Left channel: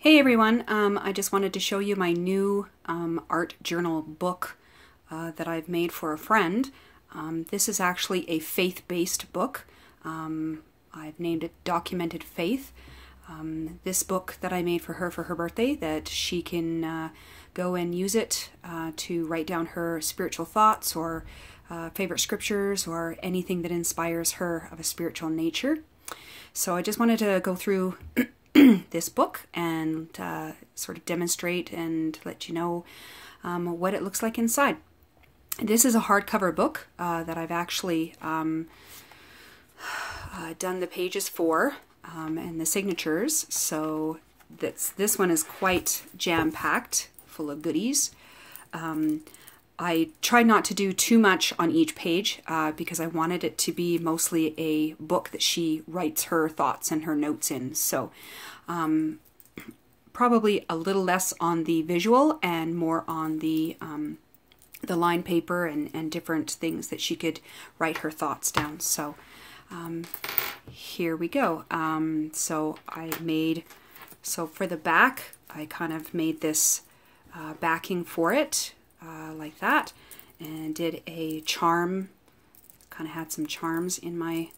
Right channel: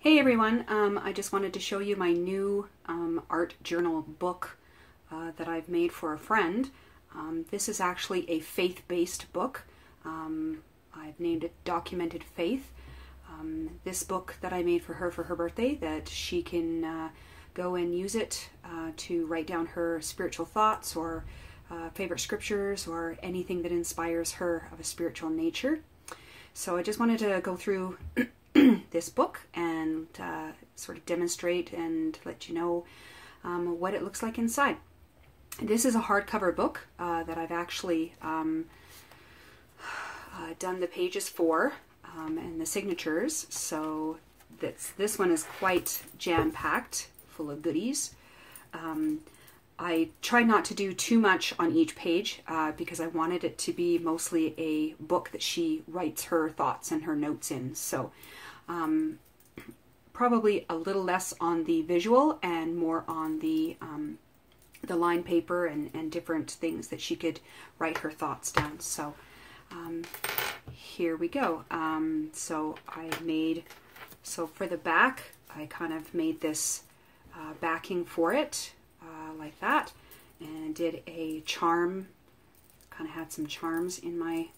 Hey everyone, I just wanted to show you my new art journal book that I've made for a friend. This is actually a faith-based book. I've named it Documented Faith. This book that I made for her birthday, that she can go and use it to write down her spiritual thoughts or favorite scriptures or anything that inspires her of a spiritual nature. So I just wanted to go through this book and sort of demonstrate and let you know what it looks like inside. This is a hardcover book that I've actually done the pages for and the signatures, so this one is quite jam-packed, full of goodies. I tried not to do too much on each page because I wanted it to be mostly a book that she writes her thoughts and her notes in. So probably a little less on the visual and more on the line paper and different things that she could write her thoughts down. So here we go. So for the back, I kind of made this backing for it. Like that, and did a charm, kind of had some charms in my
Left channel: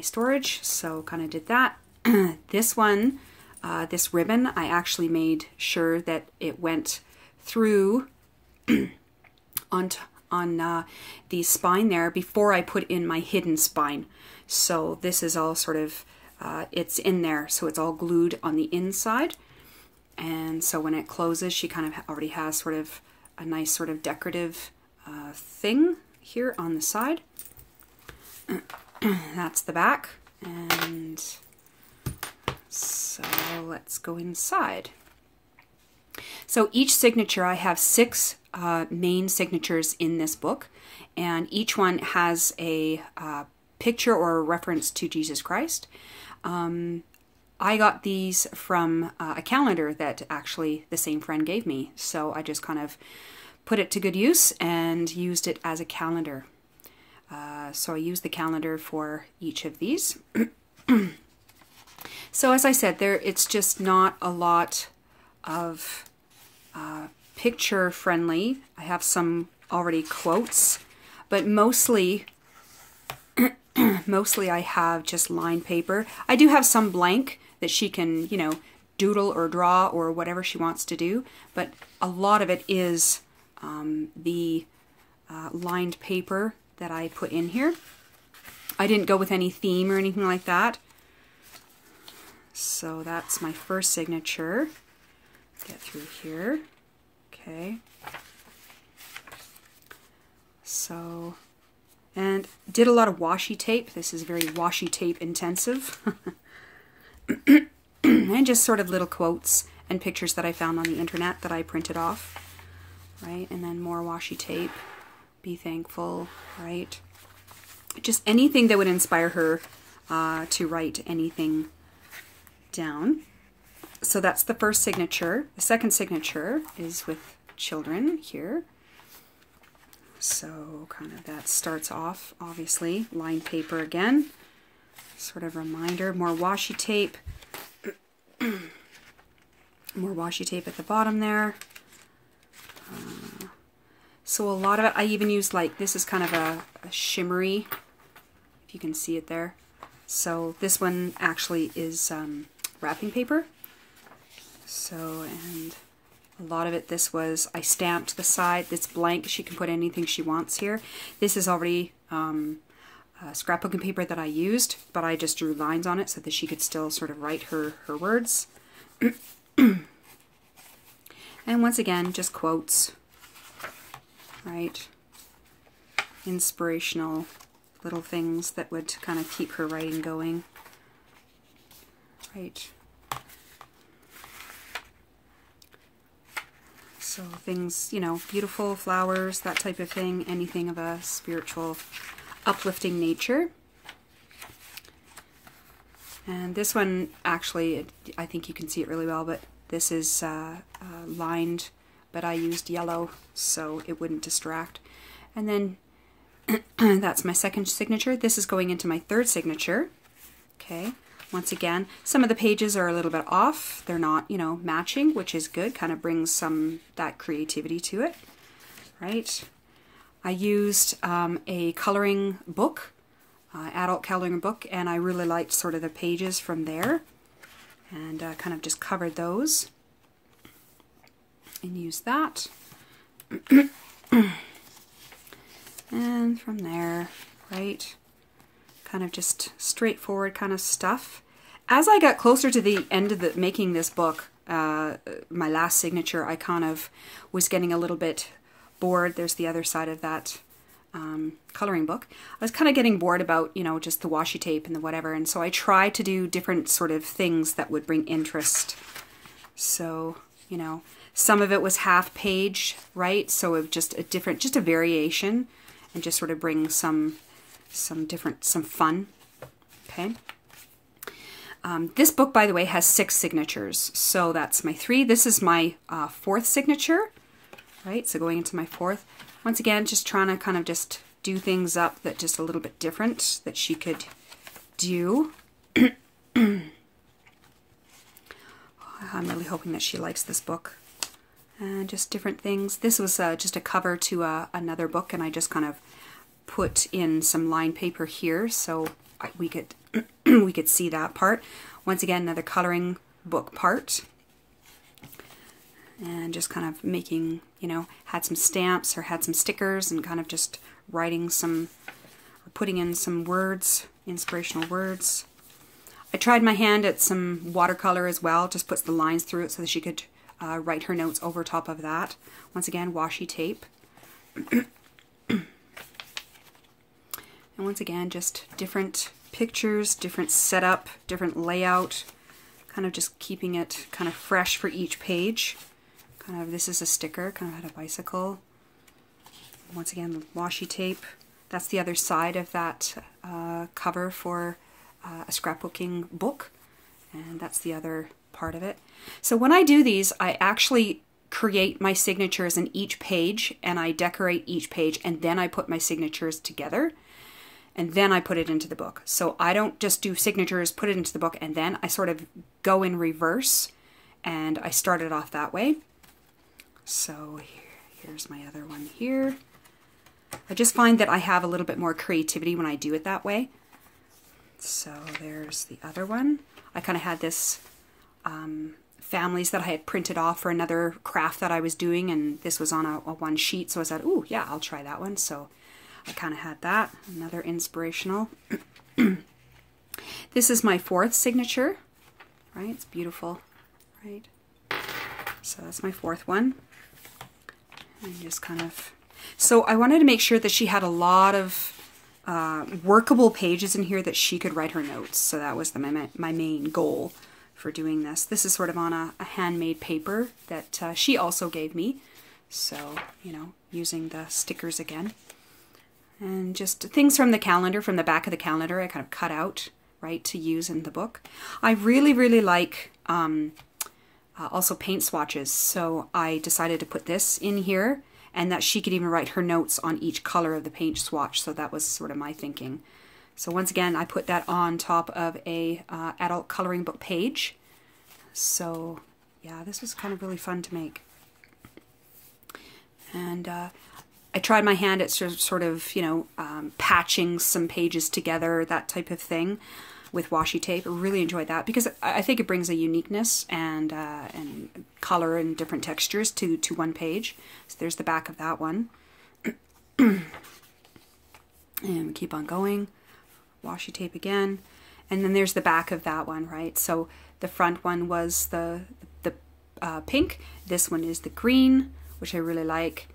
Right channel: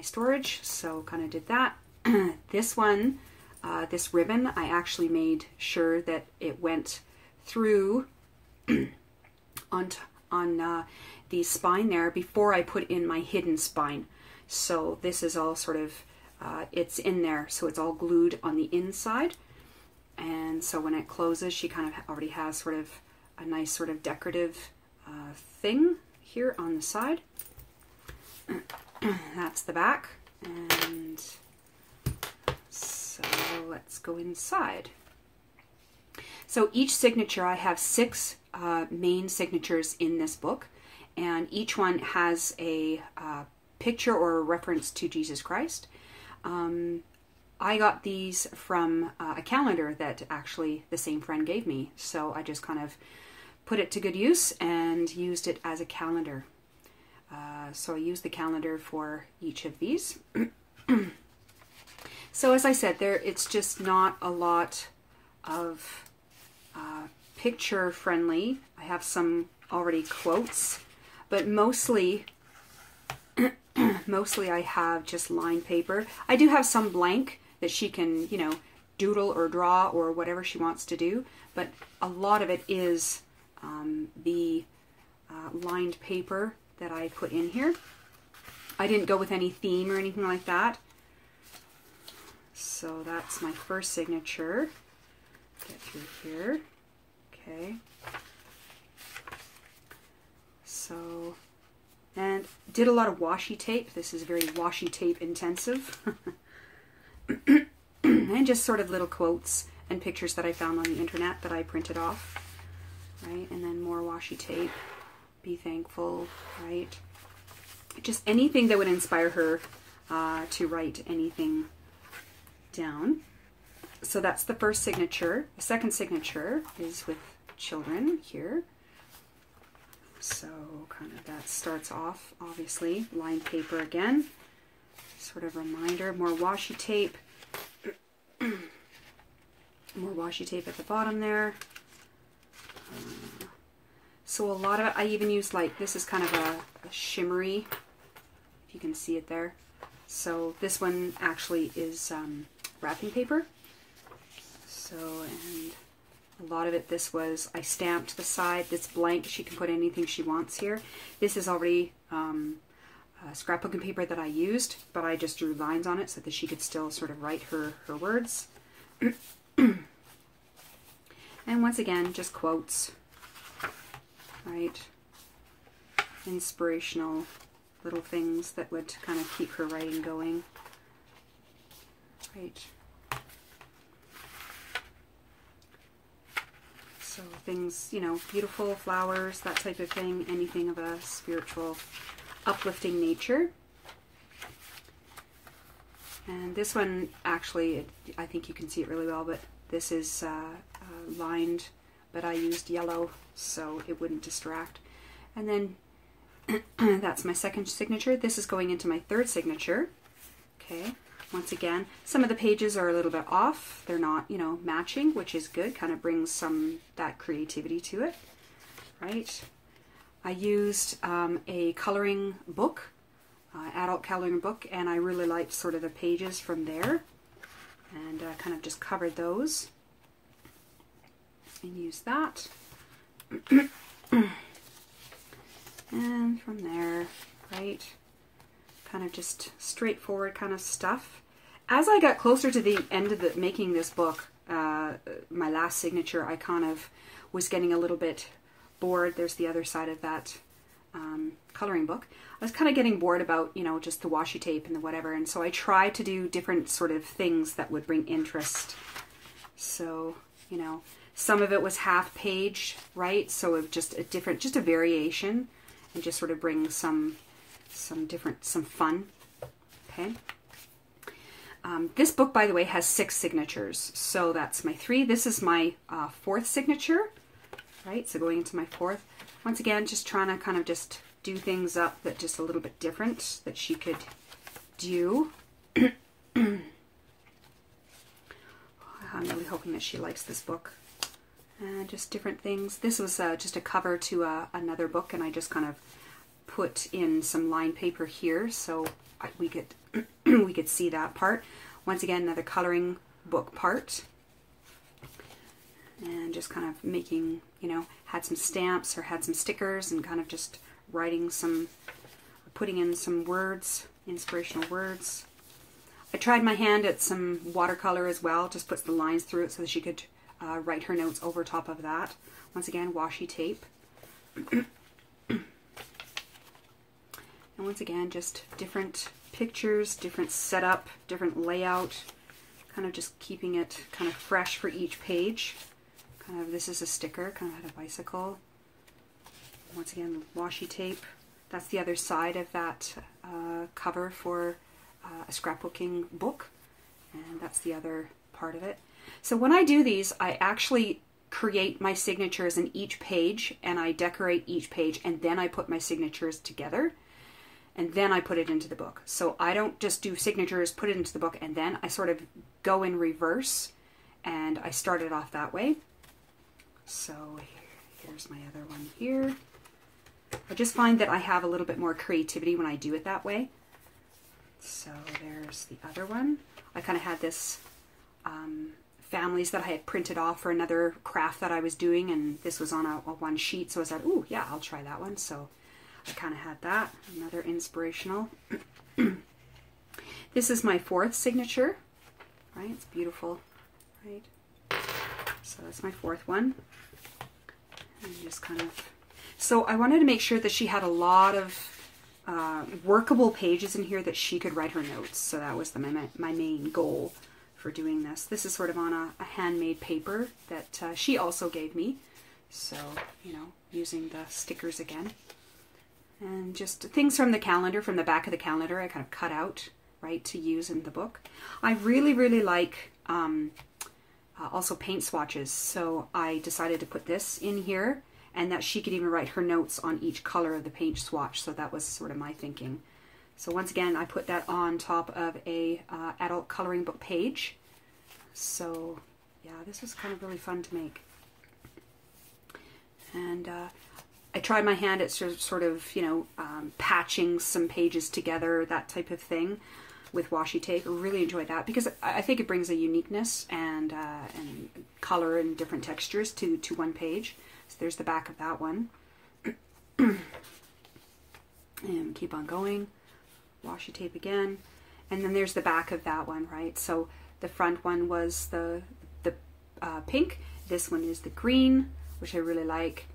storage, so kind of did that. This one, this ribbon, I actually made sure that it went through on the spine there before I put in my hidden spine. So this is all sort of, it's in there, so it's all glued on the inside, and so when it closes, she kind of already has sort of a nice sort of decorative thing here on the side. That's the back, and so let's go inside. So each signature, I have 6 main signatures in this book, and each one has a picture or a reference to Jesus Christ. I got these from a calendar that actually the same friend gave me, so I just kind of put it to good use and used it as a calendar. So I used the calendar for each of these. So as I said, it's just not a lot of picture friendly. I have some already quotes, but mostly I have just line paper. I do have some blank that she can, you know, doodle or draw or whatever she wants to do, but a lot of it is the lined paper that I put in here. I didn't go with any theme or anything like that. So that's my first signature. Get through here. Okay. So, and did a lot of washi tape. This is very washi tape intensive. And just sort of little quotes and pictures that I found on the internet that I printed off, right? And then more washi tape. Be thankful, right? Just anything that would inspire her to write anything down. So that's the first signature. The second signature is with children here. So kind of that starts off, obviously, lined paper again. Sort of reminder, more washi tape. More washi tape at the bottom there. So a lot of it, I even used, like, this is kind of a shimmery, if you can see it there. So this one actually is wrapping paper. So, and a lot of it, this was, I stamped the side. It's blank. She can put anything she wants here. This is already scrapbooking paper that I used, but I just drew lines on it so that she could still sort of write her words. And once again, just quotes, right? Inspirational little things that would kind of keep her writing going, right? So things, you know, beautiful flowers, that type of thing, anything of a spiritual, uplifting nature. And this one, actually, I think you can see it really well, but this is lined, but I used yellow so it wouldn't distract. And then that's my second signature. This is going into my third signature. Okay, Once again, some of the pages are a little bit off. They're not, you know, matching, which is good. Kind of brings some that creativity to it, right? I used a coloring book, adult coloring book, and I really liked sort of the pages from there, and kind of just covered those and used that. And from there, right, kind of just straightforward kind of stuff. As I got closer to the end of making this book, my last signature, I kind of was getting a little bit bored. There's the other side of that coloring book. I was kind of getting bored about, you know, just the washi tape and the whatever, and so I tried to do different sort of things that would bring interest. So, you know, some of it was half page, right? So it was just a variation, and just sort of bring some fun. Okay. This book, by the way, has 6 signatures. So that's my 3. This is my 4th signature, right? So going into my 4th. Once again, just trying to kind of just do things up that just a little bit different that she could do. I'm really hoping that she likes this book. And just different things. This was just a cover to another book, and I just kind of put in some lined paper here so we could we could see that part. Once again, another coloring book part, and just kind of making, you know, had some stamps or had some stickers, and kind of just writing some, putting in some words, inspirational words. I tried my hand at some watercolor as well, just puts the lines through it so that she could write her notes over top of that. Once again, washi tape. And once again, just different pictures, different setup, different layout, kind of just keeping it kind of fresh for each page. Kind of, this is a sticker, kind of had a bicycle. Once again, washi tape. That's the other side of that cover for a scrapbooking book, and that's the other part of it. So when I do these, I actually create my signatures in each page, and I decorate each page, and then I put my signatures together, and then I put it into the book. So I don't just do signatures, put it into the book, and then I sort of go in reverse, and I start it off that way. So here's my other one here. I just find that I have a little bit more creativity when I do it that way. So there's the other one. I kind of had this families that I had printed off for another craft that I was doing, and this was on a one sheet, so I said, ooh, yeah, I'll try that one. So I kind of had that. Another inspirational. This is my 4th signature, right? It's beautiful, right? So that's my 4th one. And just kind of, so I wanted to make sure that she had a lot of workable pages in here that she could write her notes. So that was my main goal for doing this. This is sort of on a handmade paper that she also gave me. So, you know, using the stickers again. And just things from the calendar, from the back of the calendar, I kind of cut out, right, to use in the book. I really, really like also paint swatches. So I decided to put this in here, and that she could even write her notes on each color of the paint swatch. So that was sort of my thinking. So once again, I put that on top of a adult coloring book page. So yeah, this was kind of really fun to make. And I tried my hand at sort of, you know, patching some pages together, that type of thing, with washi tape. I really enjoyed that because I think it brings a uniqueness and color and different textures to one page. So there's the back of that one. And keep on going. Washi tape again. And then there's the back of that one, right? So the front one was the pink. This one is the green, which I really like,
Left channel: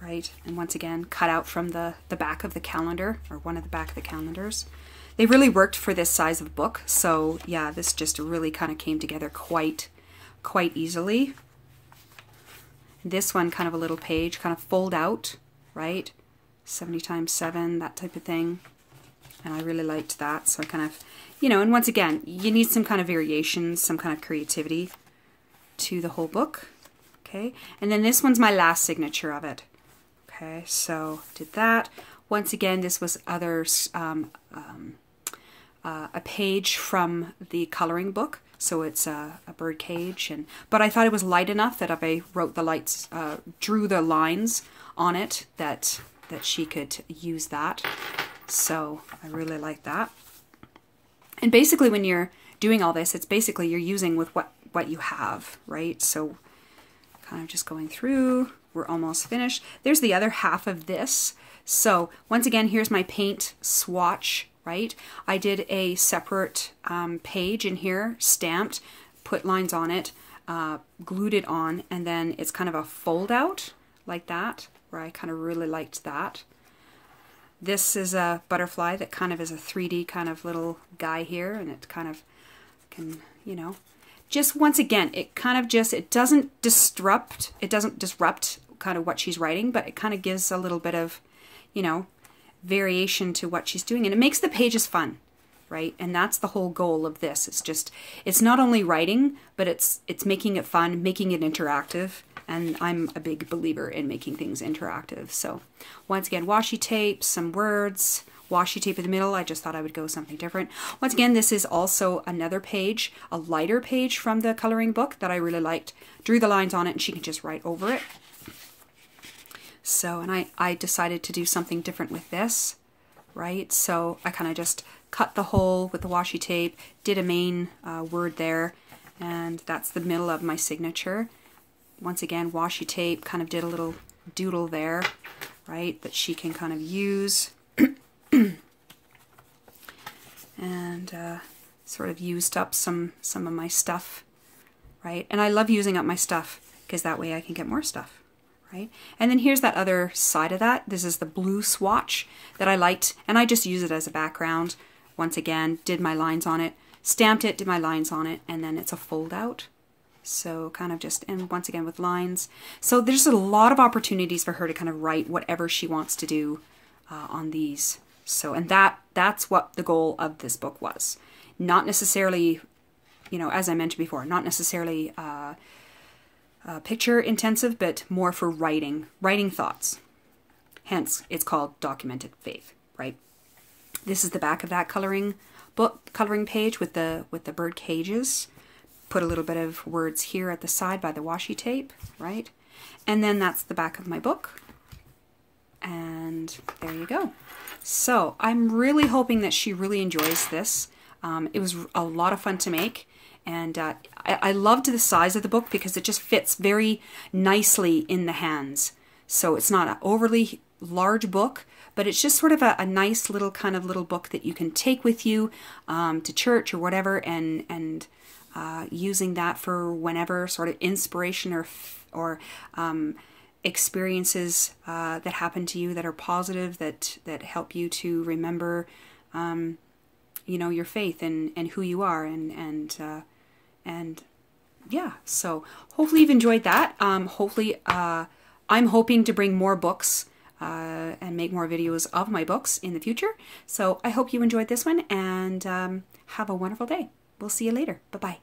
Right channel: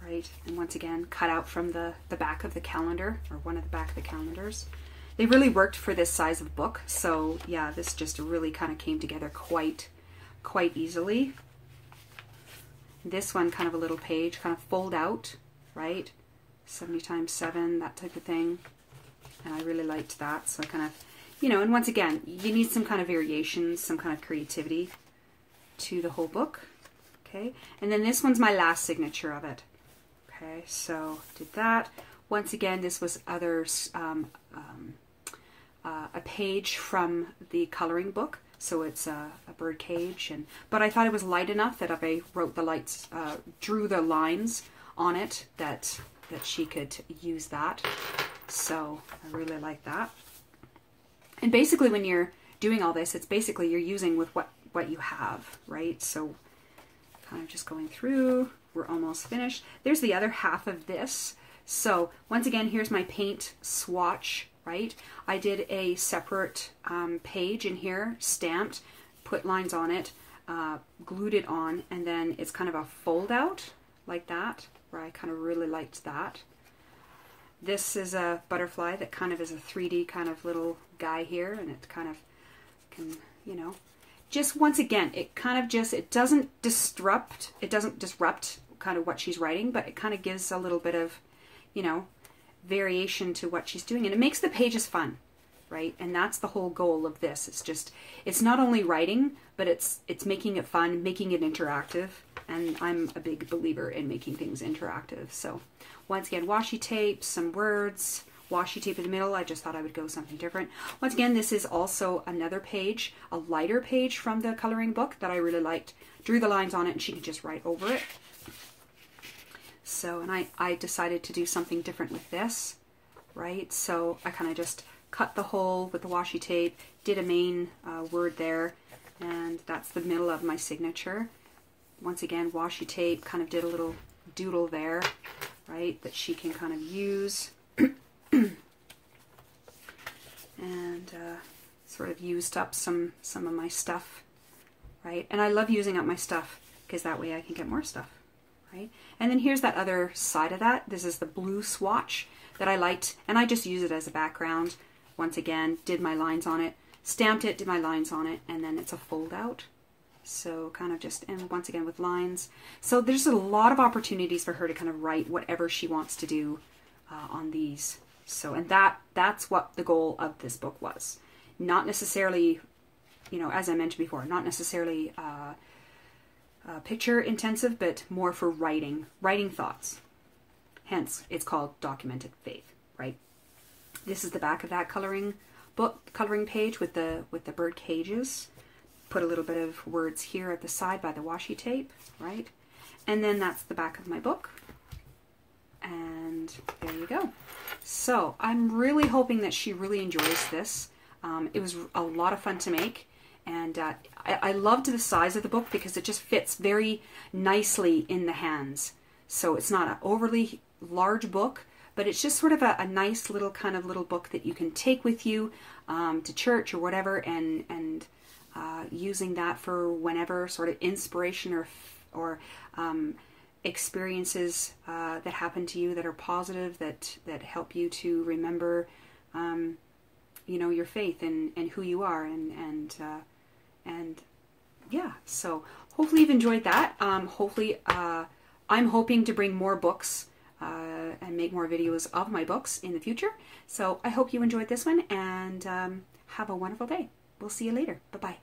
right? And once again, cut out from the back of the calendar, or one of the back of the calendars. They really worked for this size of book. So yeah, this just really kind of came together quite easily. This one, kind of a little page, kind of fold out, right? 70 times 7, that type of thing. And I really liked that. So I kind of, you know, and once again, you need some kind of variations, some kind of creativity to the whole book. Okay. And then this one's my last signature of it. Okay. So did that. Once again, this was other a page from the coloring book. So it's a bird cage, but I thought it was light enough that if I wrote the lights, drew the lines on it, that she could use that. So I really like that. And basically when you're doing all this, it's basically you're using with what you have, right? So kind of just going through, we're almost finished. There's the other half of this. So once again, here's my paint swatch, right? I did a separate page in here, stamped, put lines on it, glued it on, and then it's kind of a fold out like that, where I kind of really liked that. This is a butterfly that kind of is a 3D kind of little guy here, and it kind of can, you know, just once again, it kind of just, it doesn't disrupt kind of what she's writing, but it kind of gives a little bit of, you know, variation to what she's doing, and it makes the pages fun, right? And that's the whole goal of this. It's just, it's not only writing, but it's making it fun, making it interactive, and I'm a big believer in making things interactive. So once again, washi tape, some words, washi tape in the middle. I just thought I would go something different. Once again, this is also another page, a lighter page from the coloring book that I really liked. Drew the lines on it, and she can just write over it. So, and I decided to do something different with this, right? So I kind of just cut the hole with the washi tape, did a main word there, and that's the middle of my signature. Once again, washi tape, kind of did a little doodle there, right, that she can kind of use. And sort of used up some of my stuff, right? And I love using up my stuff because that way I can get more stuff. Right? And then here's that other side of that. This is the blue swatch that I liked, and I just use it as a background. Once again, did my lines on it, stamped it, did my lines on it, and then it's a fold out. So kind of just, and once again with lines. So there's a lot of opportunities for her to kind of write whatever she wants to do on these. So, and that's what the goal of this book was. Not necessarily, you know, as I mentioned before, not necessarily picture intensive, but more for writing thoughts. Hence, it's called Documented Faith, right? This is the back of that coloring page with the bird cages. Put a little bit of words here at the side by the washi tape, right? And then that's the back of my book. And there you go. So I'm really hoping that she really enjoys this. It was a lot of fun to make. And I loved the size of the book because it just fits very nicely in the hands. So it's not an overly large book, but it's just sort of a nice little kind of little book that you can take with you to church or whatever, and using that for whenever sort of inspiration or experiences that happen to you that are positive, that help you to remember you know, your faith and who you are, and yeah, so hopefully you've enjoyed that. Hopefully I'm hoping to bring more books and make more videos of my books in the future. So I hope you enjoyed this one, and have a wonderful day. We'll see you later. Bye-bye.